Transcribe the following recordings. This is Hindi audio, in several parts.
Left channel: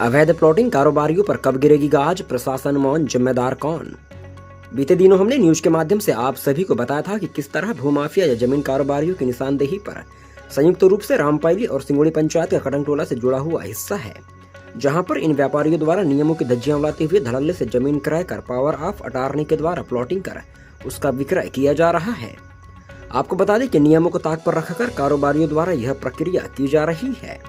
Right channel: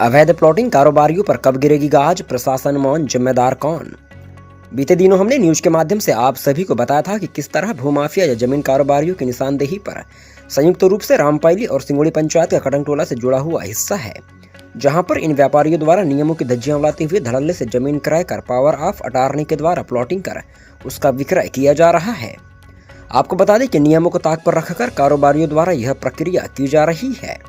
अवैध प्लॉटिंग कारोबारियों पर कब गिरेगी गाज, प्रशासन मौन, जिम्मेदार कौन। बीते दिनों हमने न्यूज के माध्यम से आप सभी को बताया था कि किस तरह भूमाफिया या जमीन कारोबारियों की निशानदेही पर संयुक्त रूप से रामपायली और सिंगोड़ी पंचायत का कटंगटोला से जुड़ा हुआ हिस्सा है, जहां पर इन व्यापारियों द्वारा नियमों की धज्जियां उड़ाते हुए धड़ल्ले से जमीन क्रय कर पावर ऑफ अटॉर्नी के द्वारा प्लॉटिंग कर उसका विक्रय किया जा रहा है। आपको बता दें कि नियमों को ताक पर रखकर कारोबारियों द्वारा यह प्रक्रिया की जा रही है।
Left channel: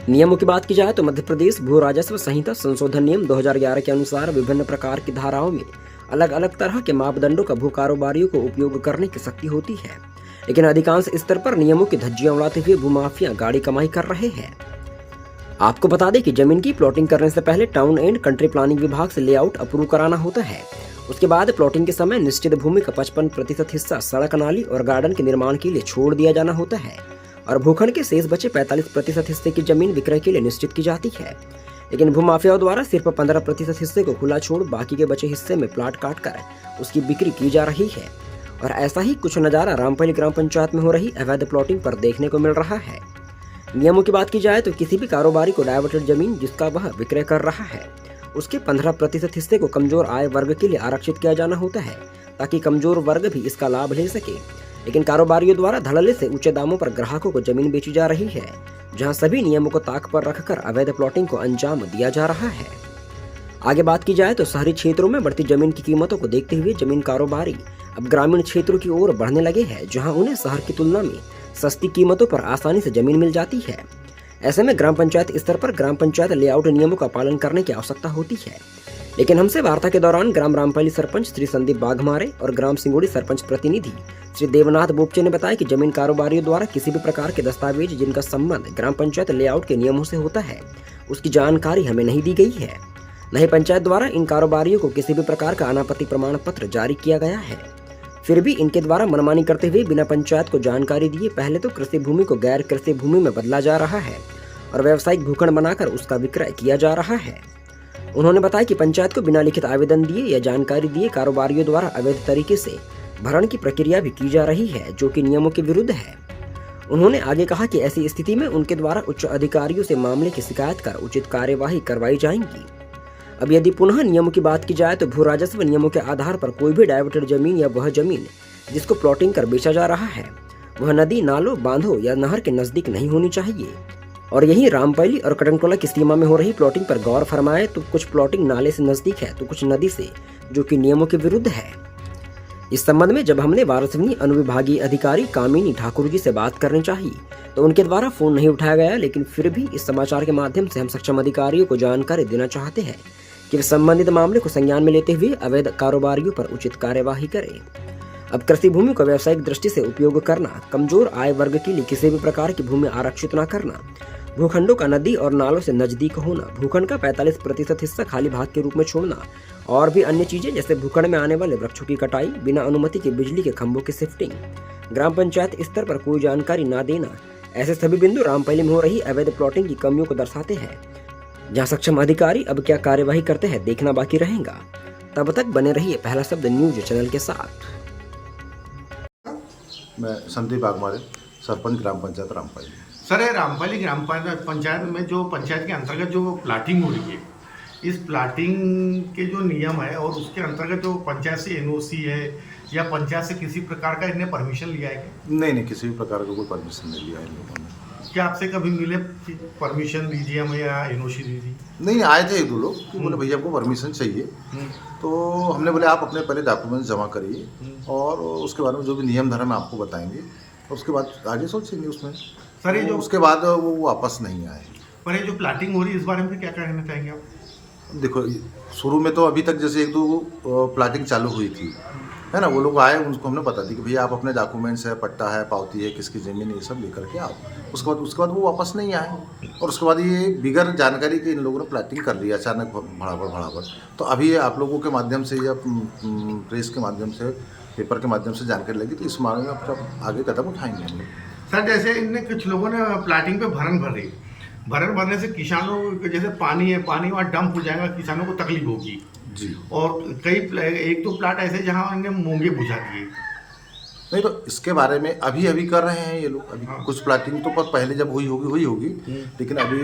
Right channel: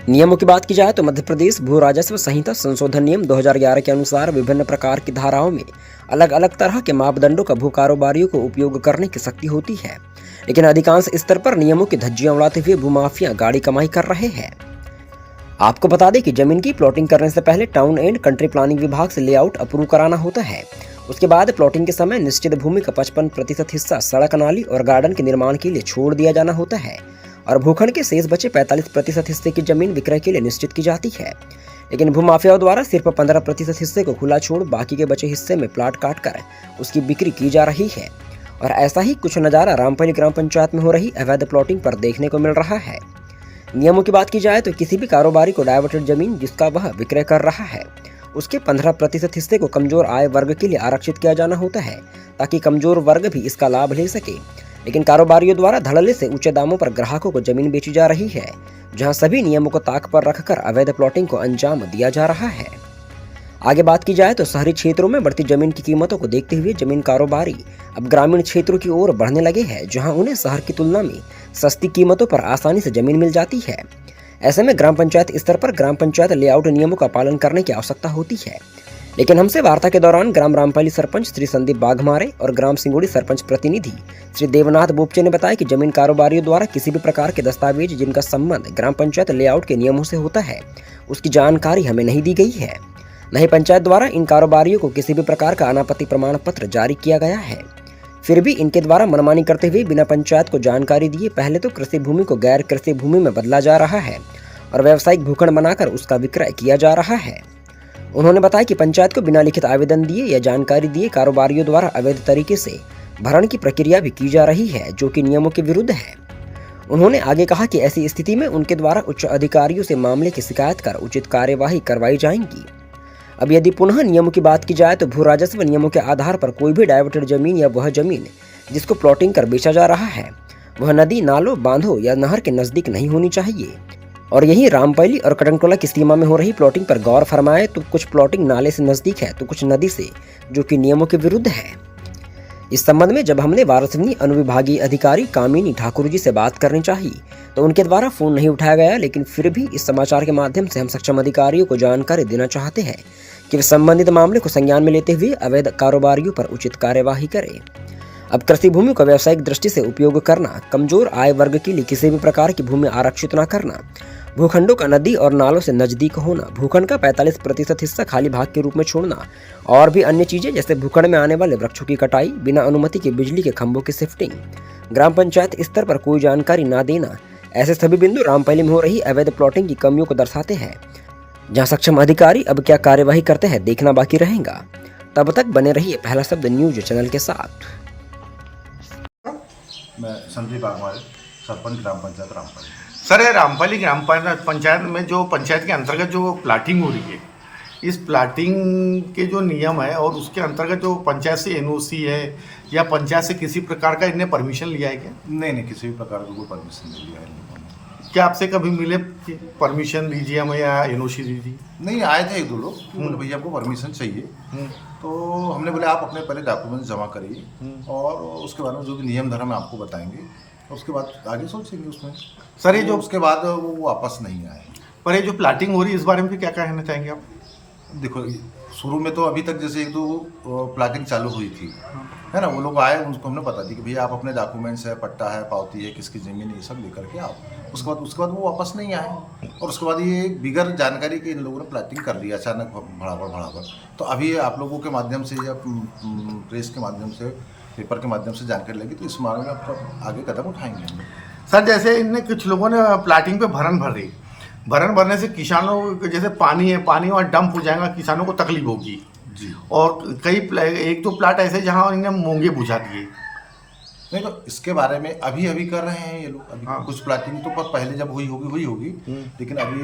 नियमों की बात की जाए तो मध्य प्रदेश भू राजस्व संहिता संशोधन नियम 2011 के अनुसार विभिन्न प्रकार की धाराओं में अलग अलग तरह के मापदंडों का भू कारोबारियों को उपयोग करने की शक्ति होती है, लेकिन अधिकांश स्तर पर नियमों की धज्जियां उड़ाते हुए भूमाफिया गाड़ी कमाई कर रहे हैं। आपको बता दें कि जमीन की प्लॉटिंग करने से पहले टाउन एंड कंट्री प्लानिंग विभाग से लेआउट अप्रूव कराना होता है। उसके बाद प्लॉटिंग के समय निश्चित भूमि का 55% हिस्सा सड़क, नाली और गार्डन के निर्माण के लिए छोड़ दिया जाना होता है और भूखंड के शेष बचे 45% हिस्से की जमीन विक्रय के लिए निश्चित की जाती है। लेकिन भूमाफियाओं द्वारा सिर्फ 15% हिस्से को खुला छोड़ बाकी के बचे हिस्से में प्लाट काट कर उसकी बिक्री की जा रही है। और ऐसा ही कुछ नज़ारा रामपायली ग्राम पंचायत में हो रही अवैध प्लॉटिंग पर देखने को मिल रहा है। नियमों की बात की जाए तो किसी भी कारोबारी को डाइवर्टेड जमीन जिसका वह विक्रय कर रहा है उसके 15% हिस्से को कमजोर आय वर्ग के लिए आरक्षित किया जाना होता है, ताकि कमजोर वर्ग भी इसका लाभ ले सके। लेकिन कारोबारियों द्वारा धड़ल्ले से ऊंचे दामों पर ग्राहकों को जमीन बेची जा रही है, जहां सभी नियमों को ताक पर रखकर अवैध प्लॉटिंग को अंजाम दिया जा रहा है। आगे बात की जाए तो शहरी क्षेत्रों में बढ़ती जमीन की कीमतों को देखते हुए जमीन कारोबारी अब ग्रामीण क्षेत्रों की ओर बढ़ने लगे हैं, जहां उन्हें शहर की तुलना में सस्ती कीमतों पर आसानी से जमीन मिल जाती है। ऐसे में ग्राम पंचायत स्तर पर ग्राम पंचायत लेआउट नियमों का पालन करने की आवश्यकता होती है। लेकिन हमसे वार्ता के दौरान ग्राम रामपायली सरपंच श्री संदीप बाघमारे और ग्राम सिंगोड़ी सरपंच प्रतिनिधि श्री देवनाथ बोपचे ने बताया कि जमीन कारोबारियों द्वारा किसी भी प्रकार के दस्तावेज जिनका संबंध ग्राम पंचायत लेआउट के नियमों से होता है उसकी जानकारी हमें नहीं दी गई है। न ही पंचायत द्वारा इन कारोबारियों को किसी भी प्रकार का अनापत्ति प्रमाण पत्र जारी किया गया है। फिर भी इनके द्वारा मनमानी करते हुए बिना पंचायत को जानकारी दिए पहले तो कृषि भूमि को गैर कृषि भूमि में बदला जा रहा है और व्यावसायिक भूखंड बनाकर उसका विक्रय किया जा रहा है। उन्होंने बताया कि पंचायत को बिना लिखित आवेदन दिए या जानकारी दिए कारोबारियों द्वारा अवैध तरीके से भरण की प्रक्रिया भी की जा रही है, जो कि नियमों के विरुद्ध है। उन्होंने आगे कहा कि ऐसी स्थिति में उनके द्वारा उच्च अधिकारियों से मामले की शिकायत कर उचित कार्यवाही करवाई जाएंगी। अब यदि पुनः नियमों की बात की जाए तो भू राजस्व नियमों के आधार पर कोई भी डाइवर्टेड जमीन या वह जमीन जिसको प्लॉटिंग कर बेचा जा रहा है वह नदी, नालों, बांधों या नहर के नजदीक नहीं होनी चाहिए। और यही रामपायली और कटंगटोला की सीमा में हो रही प्लॉटिंग पर गौर फरमाए तो कुछ प्लॉटिंग नाले से नजदीक है तो कुछ नदी से, जो कि नियमों के विरुद्ध है। इस संबंध में जब हमने वारासिवनी अनुविभागीय अधिकारी कामिनी ठाकुर जी से बात करनी चाहिए तो उनके द्वारा फोन नहीं उठाया गया, लेकिन फिर भी इस समाचार के माध्यम से हम सक्षम अधिकारियों को जानकारी देना चाहते हैं कि वे संबंधित मामले को संज्ञान में लेते हुए अवैध कारोबारियों पर उचित कार्यवाही करें। अब कृषि भूमि को व्यावसायिक दृष्टि से उपयोग करना, कमजोर आय वर्ग के लिए किसी भी प्रकार की भूमि आरक्षित न करना, भूखंडों का नदी और नालों से नजदीक होना, भूखंड का 45% हिस्सा खाली भाग के रूप में छोड़ना और भी अन्य चीजें जैसे भूखंड में आने वाले वृक्षों की कटाई, बिना अनुमति के बिजली के खंभों की शिफ्टिंग, ग्राम पंचायत स्तर पर कोई जानकारी न देना, ऐसे सभी बिंदु रामपायली में हो रही अवैध प्लॉटिंग की कमियों को दर्शाते हैं। जहां सक्षम अधिकारी अब क्या कार्यवाही करते हैं देखना बाकी रहेगा। तब तक बने रहिए पहला शब्द न्यूज चैनल के साथ। मैं संदीप बाघमारे, सरपंच ग्राम पंचायत रामपायली। सर, रामपायली ग्राम पंचायत में जो पंचायत के अंतर्गत जो प्लाटिंग हो रही है, इस प्लाटिंग के जो नियम है और उसके अंतर्गत जो पंचायत से एनओसी है या पंचायत से किसी प्रकार का इन्हें परमिशन लिया है क्या? नहीं, किसी भी प्रकार का कोई परमिशन नहीं लिया है इन लोगों ने। क्या आपसे कभी मिले कि परमिशन दीजिए हमें या एनओसी दीजिए? नहीं, आए थे एक दो लोग कि बोले भैया हमको परमिशन चाहिए, तो हमने बोले आप अपने पहले डॉक्यूमेंट्स जमा करिए और उसके बारे में जो भी नियम धर्म है आपको बताएंगे और उसके बाद आगे सोचेंगे उसमें। सर, ये जो उसके बाद वो वापस नहीं आए। पर ये जो प्लाटिंग हो रही है इस बारे में क्या कहना चाहेंगे आप? देखो, शुरू में तो अभी तक जैसे एक दो प्लाटिंग चालू हुई थी, है ना, वो लोग आए, उनको हमने बता दी कि भैया आप अपने डॉक्यूमेंट्स है, पट्टा है, पावती है, किसकी ज़मीन है, ये सब लेकर के आओ। उसके बाद वो वापस नहीं आए और उसके बाद ये बिगर जानकारी के इन लोगों ने प्लाटिंग कर ली अचानक भड़ाभड़। तो अभी आप लोगों के माध्यम से या प्रेस के माध्यम से, पेपर के माध्यम से जानकारी लगी तो इस मामले में अब आगे कदम उठाएंगे हम लोग। सर, जैसे इनने कुछ लोगों ने प्लाटिंग पे भरन भर रही, भरन भरने से किसानों जैसे पानी वहाँ डंप हो जाएगा, किसानों को तकलीफ होगी जी। और कई एक दो प्लाट ऐसे जहाँ इन्हें मूंगे बुझा दिए, नहीं तो इसके बारे में अभी अभी कर रहे हैं ये लोग, अभी कुछ प्लाटिंग तो पहले जब हुई होगी लेकिन अभी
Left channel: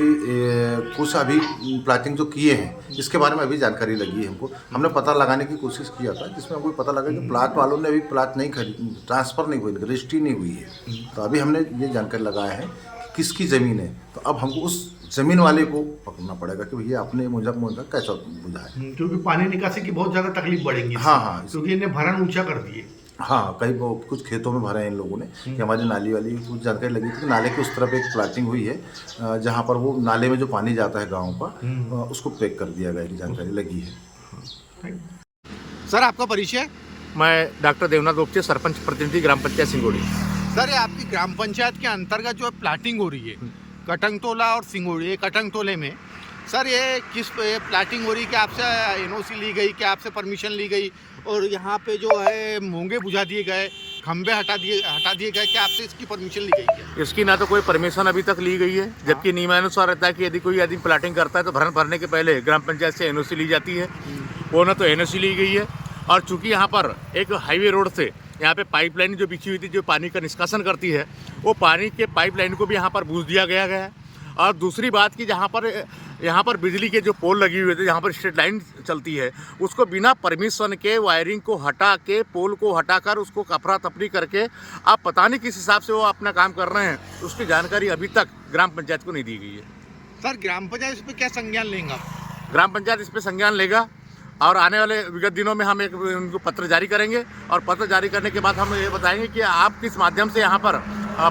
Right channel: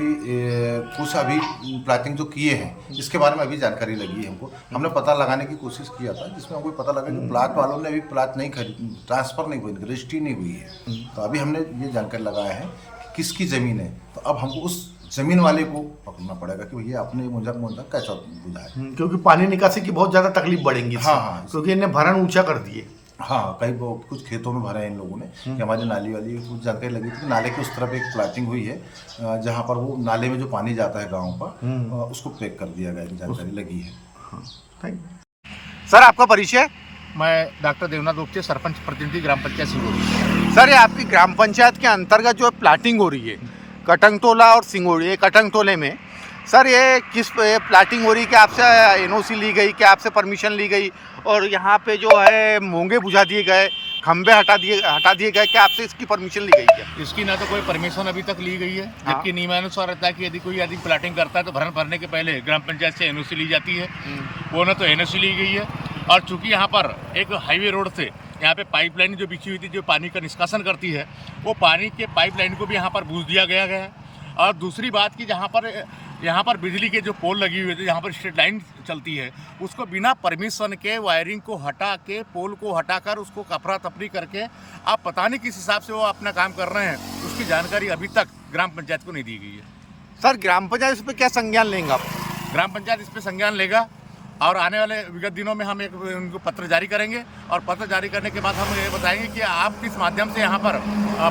कुछ अभी प्लाटिंग जो किए हैं इसके बारे में अभी जानकारी लगी है हमको। हमने पता लगाने की कोशिश किया था जिसमें हमको पता लगा कि प्लाट वालों ने अभी प्लाट नहीं खरीद, ट्रांसफ़र नहीं हुई, रजिस्ट्री नहीं हुई है। तो अभी हमने ये जानकारी लगाया है कि किसकी ज़मीन है, तो अब हमको उस ज़मीन वाले को पकड़ना पड़ेगा कि भैया आपने मुझे कैसा बुझा है, क्योंकि पानी निकासी की बहुत ज़्यादा तकलीफ बढ़ेंगी। हाँ, क्योंकि इन्हें भरण ऊंचा कर दिए। हाँ, कई कुछ खेतों में भरे हैं इन लोगों ने कि हमारी नाली वाली कुछ जानकारी लगी थी कि नाले के उस तरफ एक प्लाटिंग हुई है जहाँ पर वो नाले में जो पानी जाता है गाँव का उसको पैक कर दिया गया, एक जानकारी लगी है। सर आपका परिचय? मैं डॉक्टर देवनाथ गुप्ते, सरपंच प्रतिनिधि ग्राम पंचायत सिंगोड़ी। सर ये आपकी ग्राम पंचायत के अंतर्गत जो प्लाटिंग हो रही है कटंगतोला और सिंगोड़ी, ये कटंगतोले में सर ये किस प्लाटिंग हो रही है? कि आपसे एनओसी ली गई, क्या आपसे परमिशन ली गई? और यहाँ पे जो है मूंगे बुझा दिए गए, खंबे हटा दिए गए, क्या आपसे इसकी परमिशन ली गई क्या? इसकी ना तो कोई परमिशन अभी तक ली गई है, जबकि नियमानुसार रहता है कि यदि कोई आदमी प्लाटिंग करता है तो भरने के पहले ग्राम पंचायत से एनओसी ली जाती है। वो ना तो एनओसी ली गई है, और चूंकि यहाँ पर एक हाईवे रोड से यहाँ पे पाइपलाइन जो बिछी हुई थी जो पानी का निष्कासन करती है, वो पानी के पाइपलाइन को भी यहाँ पर बूझ दिया गया है। और दूसरी बात कि यहाँ पर बिजली के जो पोल लगी हुए थे, जहाँ पर स्ट्रीट लाइन चलती है, उसको बिना परमिशन के वायरिंग को हटा के, पोल को हटाकर उसको अफरा तफरी करके आप पता नहीं किस हिसाब से वो अपना काम कर रहे हैं, उसकी जानकारी अभी तक ग्राम पंचायत को नहीं दी गई है। सर ग्राम पंचायत इस पर क्या संज्ञान लेंगे आप? ग्राम पंचायत इस पर संज्ञान लेगा और आने वाले विगत दिनों में हम एक उनको पत्र जारी करेंगे, और पत्र जारी करने के बाद हम ये बताएंगे कि आप किस माध्यम से यहाँ पर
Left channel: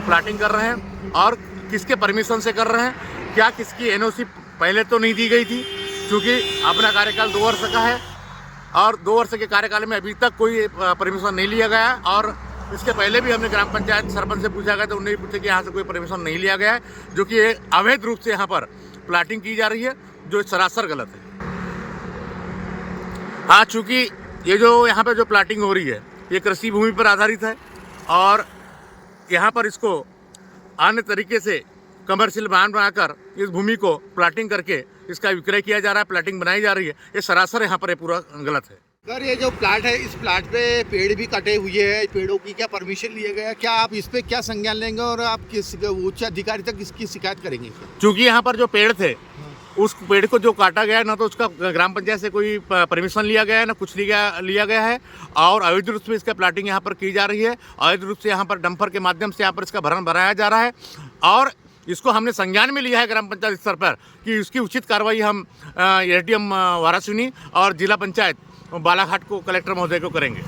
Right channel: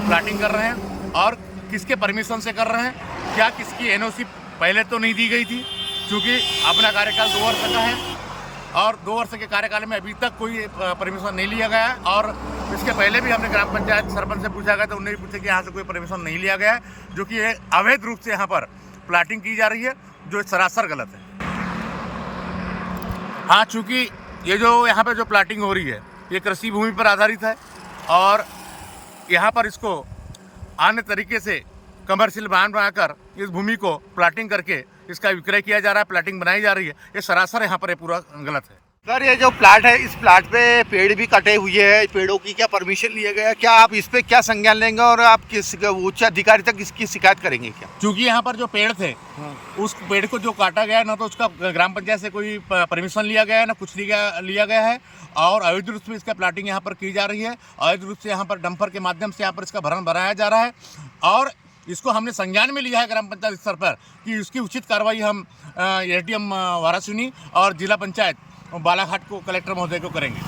प्लाटिंग कर रहे हैं और किसके परमिशन से कर रहे हैं, क्या किसकी एनओसी पहले तो नहीं दी गई थी, क्योंकि अपना कार्यकाल 2 वर्ष का है और 2 वर्ष के कार्यकाल में अभी तक कोई परमिशन नहीं लिया गया है। और इसके पहले भी हमने ग्राम पंचायत सरपंच से पूछा गया तो उन्होंने पूछा कि यहाँ से कोई परमिशन नहीं लिया गया है, जो कि अवैध रूप से यहाँ पर प्लाटिंग की जा रही है, जो सरासर गलत है। हाँ, चूँकि ये जो यहाँ पे जो प्लाटिंग हो रही है ये कृषि भूमि पर आधारित है, और यहाँ पर इसको अन्य तरीके से कमर्शियल बनाकर इस भूमि को प्लाटिंग करके इसका विक्रय किया जा रहा है, प्लाटिंग बनाई जा रही है, ये सरासर यहाँ पर ये पूरा गलत है। सर ये जो प्लाट है, इस प्लाट पे पेड़ भी कटे हुए हैं, पेड़ों की क्या परमिशन लिया गया? क्या आप इस पे क्या संज्ञान लेंगे और आप किस उच्च अधिकारी तक इसकी शिकायत करेंगे क्या? क्योंकि यहाँ पर जो पेड़ थे उस पेड़ को जो काटा गया है, ना तो उसका ग्राम पंचायत से कोई परमिशन लिया गया है, ना कुछ लिया गया है, और अवैध रूप से इसका प्लाटिंग यहाँ पर की जा रही है। अवैध रूप से यहाँ पर डंपर के माध्यम से यहाँ पर इसका भरण भराया जा रहा है, और इसको हमने संज्ञान में लिया है ग्राम पंचायत स्तर पर कि उसकी उचित कार्रवाई हम एसडीएम वारासिनी और जिला पंचायत बालाघाट को कलेक्टर महोदय को करेंगे।